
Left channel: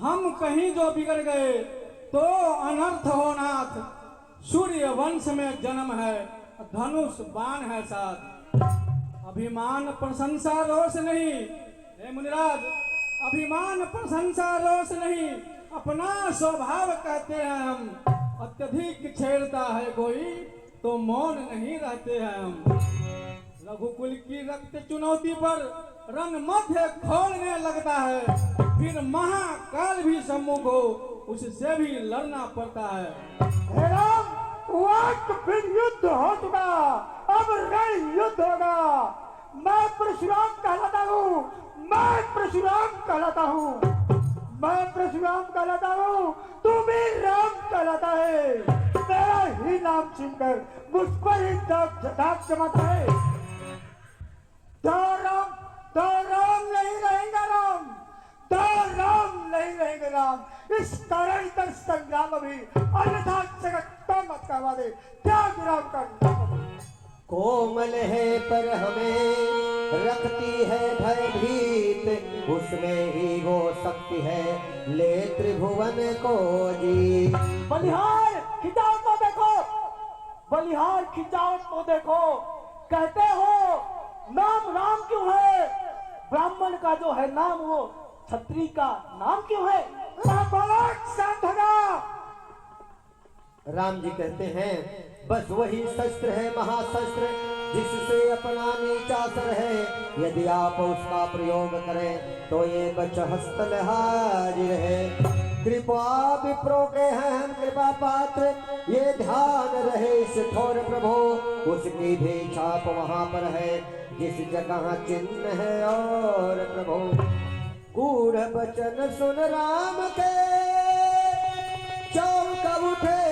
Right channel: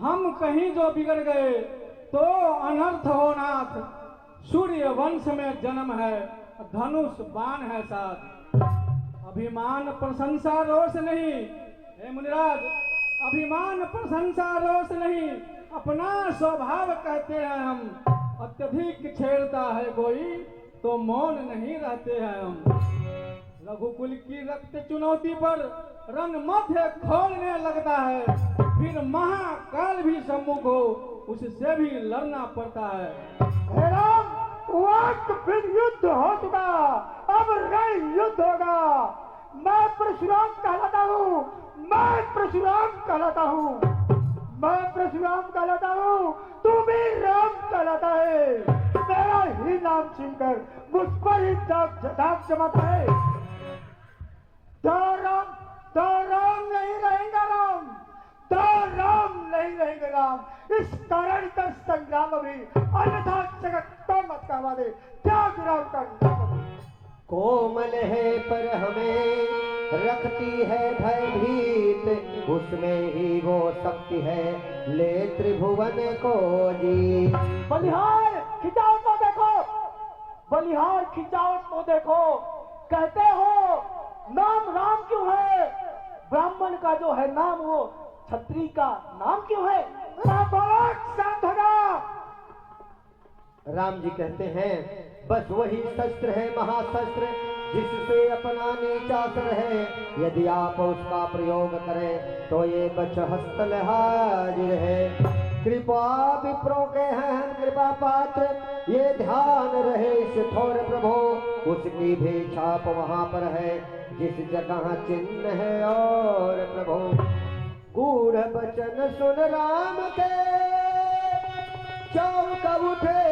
हम कहीं जो बिगड़ गए तो अनर्थ हो नाथ। सूर्य वंश में जन्म है, धनुष बाण है साथ। अभिमान प्रशंसा रोष नहीं, हे मुनिराज, अभिमान प्रशंसा रोष नहीं, अपना स्वभाव कहते हैं हम। अत्यधिक छेड़ता है कोई तो मौन नहीं रहते हैं हम। रघुकुल की रक्त चुनौती पर रण मध्य खोलने लगता है, फिर महाकाल भी सम्मुख हो उससे भी लड़ना पड़ता है। हे राम, वक्त फिर युद्ध हो चुका, अब रण युद्ध होगा। मैं परशुराम कहलाता हूँ, मैं परशुराम कहलाता हूँ, मैं परशुराम कहलाता हूँ, तू भी राम कहलाता है। तेरा ही नाम छीनकर मुझ पर ही दाग जमाता है। तो राम नहीं रहेंगे राम, तो राम नहीं रहेंगे राम। इस कारण का संग्राम अभी, अन्यथा जगत को मत कहवा दे, त्याग राम का नाम। कोमल है पर हमें रखती है भयभीत, उसमें ही वो शक्ति है ले त्रिभुवन को जीत। बलिहार खिंचाव को देखो, बलिहार खिंचाव को देखो। कहते हो नाम राम क्यों है? ब्राह्मण का जो है नाम वो क्षत्रिय का नाम क्यों है? बालक शांत होगा। राम जी कहते हैं बस वही शस्त्र है महाशस्त्र, जिससे अपना नीचा सर है। यदि आप उसका प्रयोग करें तो ये बचहस्तल हाजिर है। कृपा विप्रो के हैं हम कृपा पात्र, ये ध्यान रहे इस ठोर प्रभु। उसकी भी छाप वहां पर है जिस जगह चिन्ह है और प्रभु। गूढ़ वचन सुन राम के, चौंक उठे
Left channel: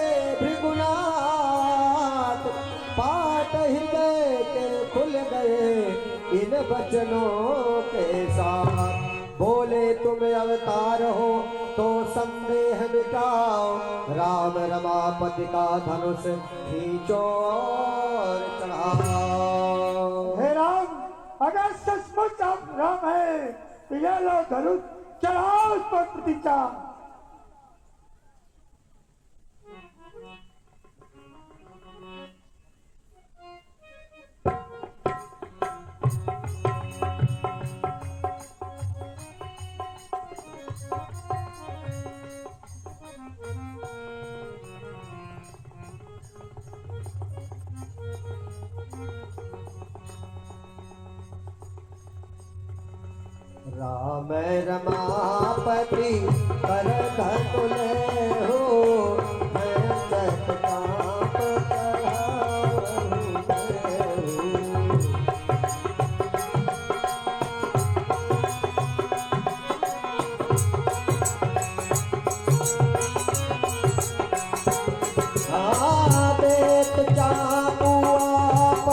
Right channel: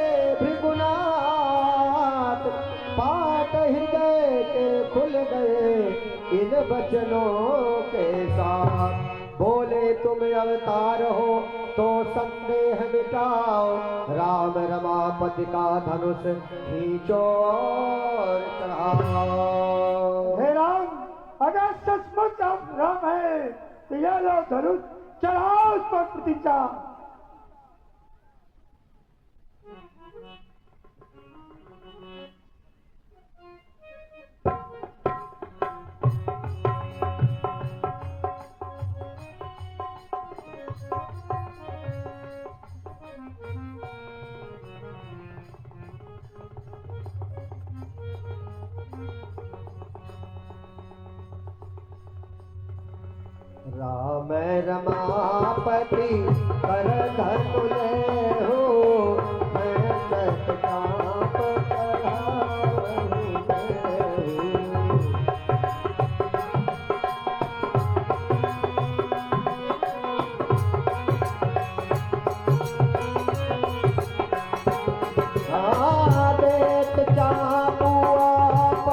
भृगुनाथ। पाट हृदय के खुल गए इन वचनों के साथ। बोले तुम अवतार हो तो संदेह मिटाओ, राम रमापति का धनुष खींचो और चढ़ाओ। हे राम, अगर सचमुच आप राम है तो यह लो धनुष, चढ़ाओ उस पर प्रतीक्षा। राम रमापति कर धनुष हो, मैं चटकाप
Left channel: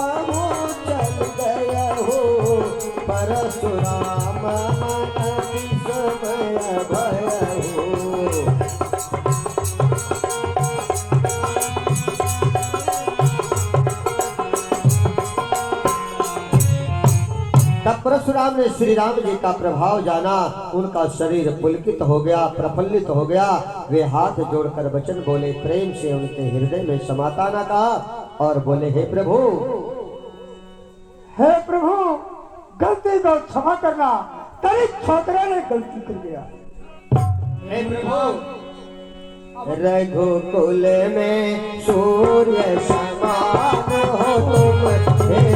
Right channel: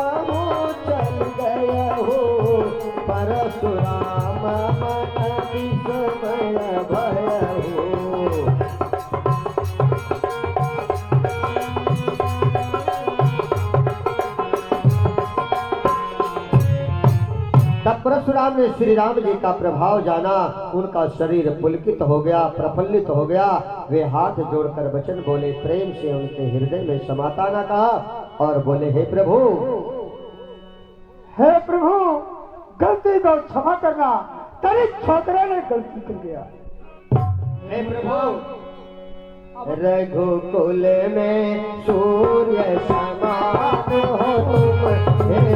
परशुराम भय हो। तब परशुराम ने श्री राम जी का प्रभाव जाना, उनका शरीर पुलकित हो गया, प्रफुल्लित हो गया। वे हाथ जोड़कर वचन बोले, प्रेम से उनके हृदय में समाताना कहा और बोले, हे प्रभु, हे प्रभु, गलती को क्षमा करना, तेरे छोकरा ने गलती कर दिया। हे प्रभु, रघुकुल में सूर्य समान हो तुम हे